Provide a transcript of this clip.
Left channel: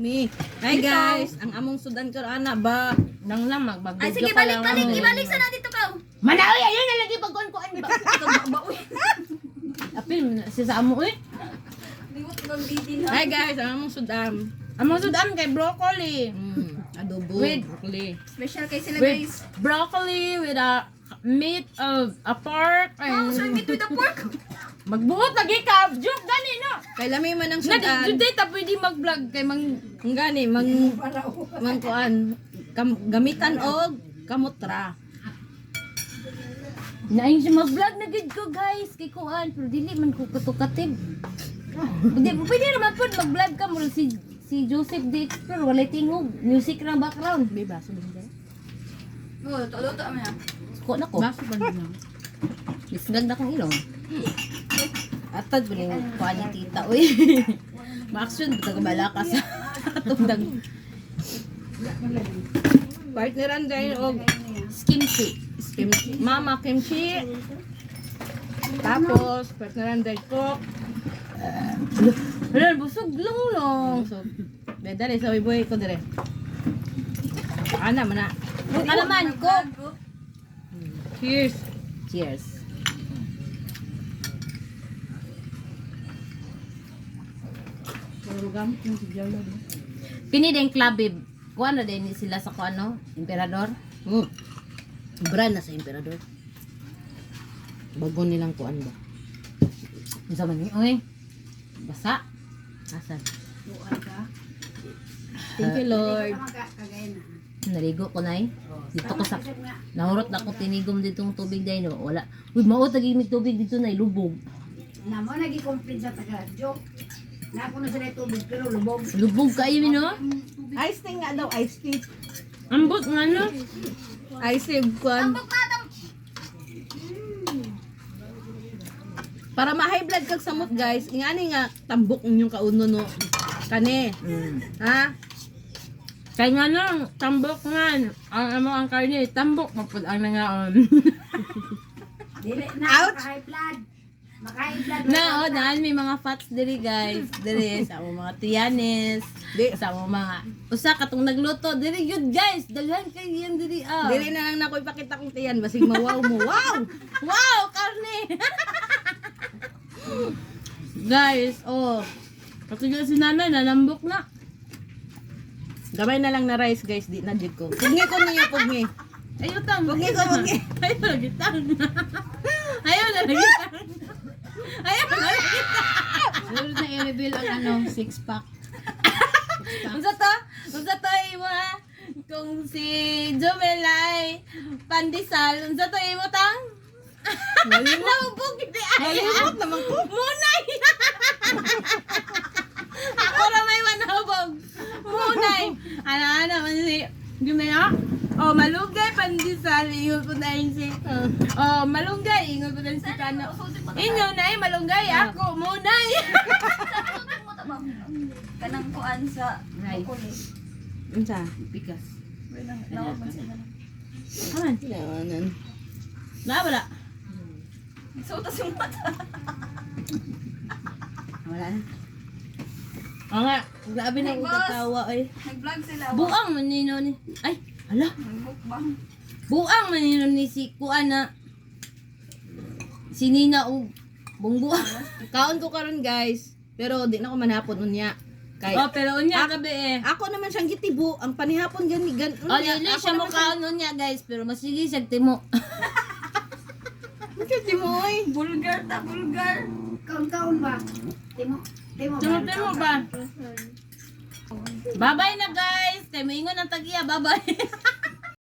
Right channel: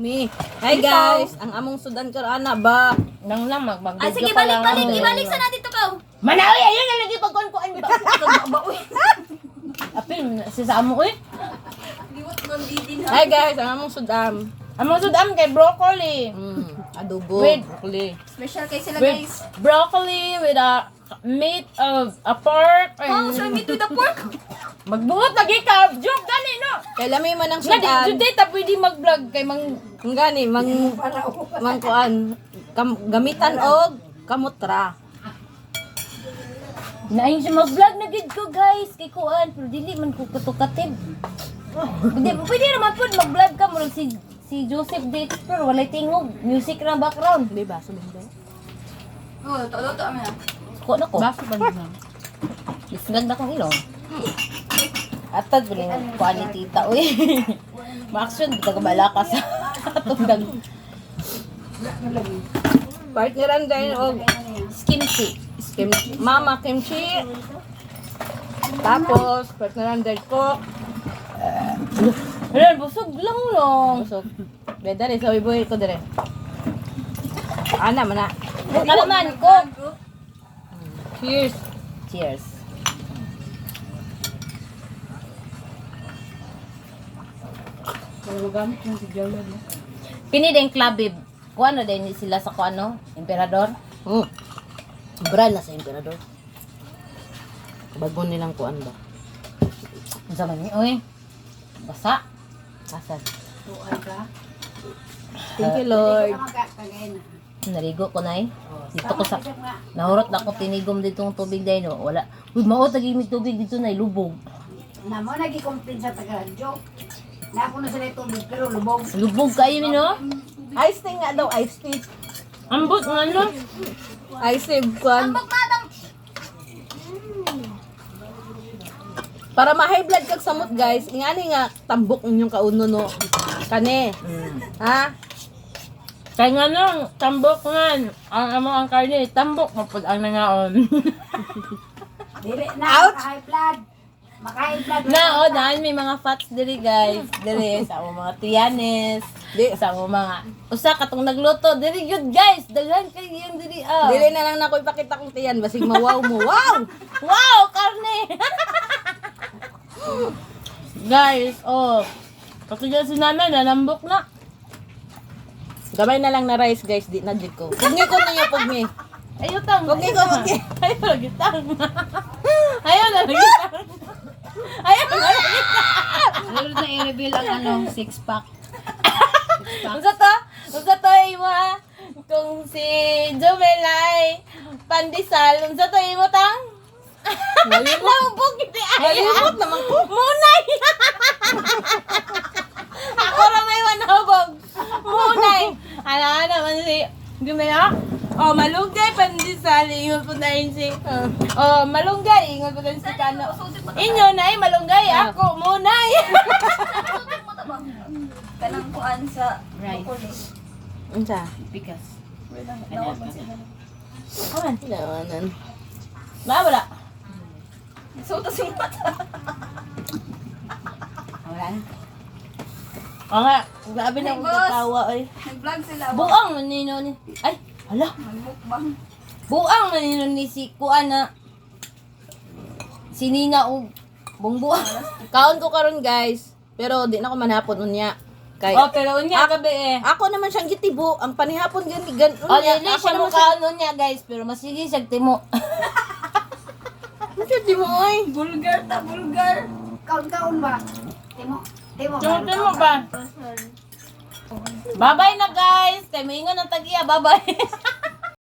Hi guys, ang among sudan karon ana ba nang lamag mag. Ay, sige, balik sa natin to ka. Manawi ayun na lagi pagkuan ba. Apil si sa amo eh. Hi guys, ang among sudam. Among sudam kay broccoli. Adobo With broccoli. special kay sila With guys. broccoli with a meat of a pork Oh, so meat with the pork. magbuot lagi ka. Joke gani no. Kay lami man ang Sudan. sudan. Today ta pwede mag-vlog kay mang Gani mang kuan gamitan og kamutra. nain siya mag-vlog na gid ko guys kay kuan pero dili man ko katukatib. Hindi pwede naman pud mag-vlog ka murag si Joseph date pero walay tingog music ra background. Di ba sa lindo? Oh, to amen. Ko na ko. Basi ba nimo? Isnag na kong ilong. Atad ba yung kuan ni tita uy. Ma-action kita kabala ka sa tungdag Partneran din og kimchi. mama kimchi. Tapos partneran din cook. Ayan, busog lang long. So, dere sa iboy ko dire. Ana man na. Kalaman ko. Cheers. Cheers. Kini din klabib. Kuan na din sila sa kuano, emperador. Brand na sa emperador. Bago nilang kuan ba? Unsa man ni oy? Basa. Asan? Thank you Lord. Naligo ko na Dito ko sa nahurot na ko tinigom ditong tubig dai no. Wala. Uy, mao tagimig tubig dito na lubog. Namo nagi-complain sa taga-radyo. Napo na sila tubig pero lubog. Lubog kayo no? Ice tea nga daw, ice tea. Ambot nga no. Ice tea kuan. Para ma-high blood kag samot guys, ingani nga tambok ninyong kauno no. Kani. Ha? Kaya nga nung tambok nga ang amo ang karne tambok mapud ang nangaon. Dili na Ouch! maka-high blood. Maka-high blood. Na dahil may mga fats diri guys. Diri sa among mga tiyanes, Di, sa among mga usa katong nagluto diri yun guys. Daghan kay yan diri ah. dili na lang nako ipakita kong tiyan basig mawaw mo. Wow! Wow, karne. Guys, oh. Patuloy si namin nalambok na. Gamay na lang na rice guys, di na jud ko. Pugni ko ninyo pugni. Ayo tang. Pugni ko pugni. Ayo lagi tang. Ayo lagi tang. Ayo lagi Lalo na i-reveal ang ano, 6-pack. Unsa to imo ha? Kung si Jomelay pandesal, unsa to imo tang? Nalimot. Nabog gid ay. Nalimot naman ko. Munay. Ako ra may manabog. Munay. Ala naman si Jomelay. Oh, malunggay pandesal ingon po na si. Oh, malunggay ingon po na si Kano. Inyo na malunggay ako munay. Kanang kuan sa Rice. broccoli. Unsa? Pikas. Aman. Yanan. Wala. Sutas yung mata. Wala na. Oo nga, grabe na akong Boss. katawa oy. Nag-vlog sila. Buang manino ni. Ay, ala. Nag-mukbang. Buang manino ni si Kuan na. Si Nina o bungbuang. Kaon ko karon guys, pero di na ko manhapon unya. Kay Oh, pero unya gabi eh. ako naman siyang gitibo, ang panihapon gani gan Oh, unya. lili Ako siya mo naman siyang kaon niya guys, pero masige siya timo. Ano di mo oy? Bulgar ta, bulgar. Kaon-kaon ba? Timo. Timo. Timo ba? Bye-bye na guys. Kay moingon ang tagiya, bye-bye.